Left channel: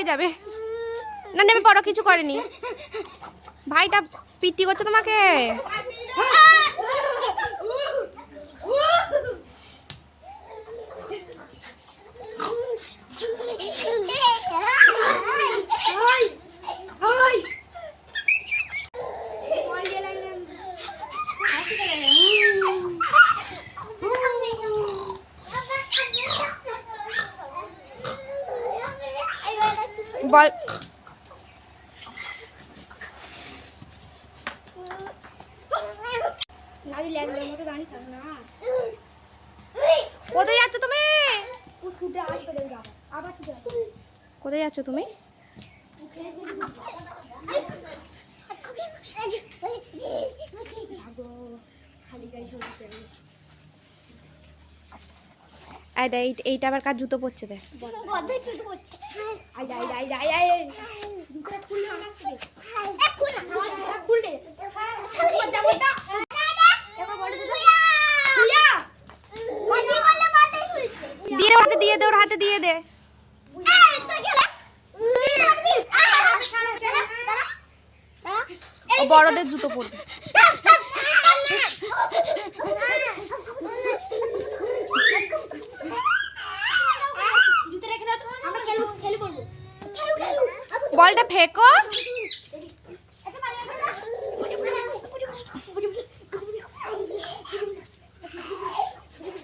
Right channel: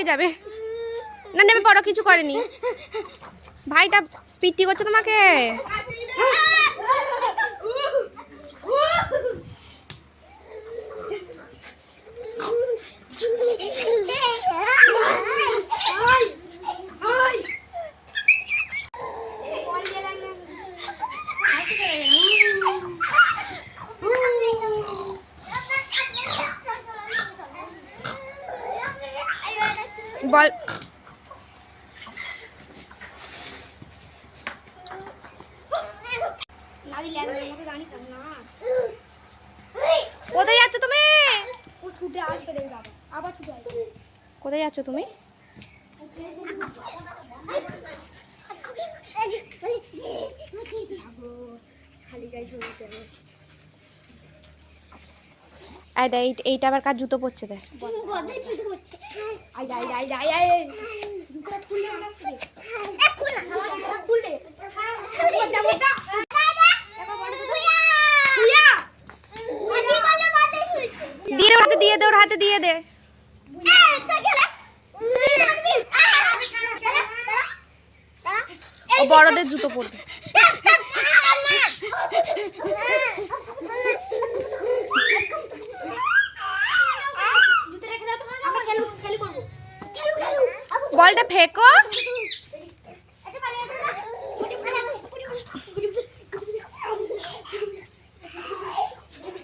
লেগে যাবে। না নেমে পড়ো, কিছু করেনি। ভাইটা পিটি করছে তোমাকে। বল কোথায় যাচ্ছ তুমি? কোথায় যাচ্ছ তুমি? এইটা আবার কার জুতো পড়ছে দেখ। দিয়ে দে ওর হাতে দিয়ে দে। ও বড়দের জুতো পরবে। বলটা ফেকো।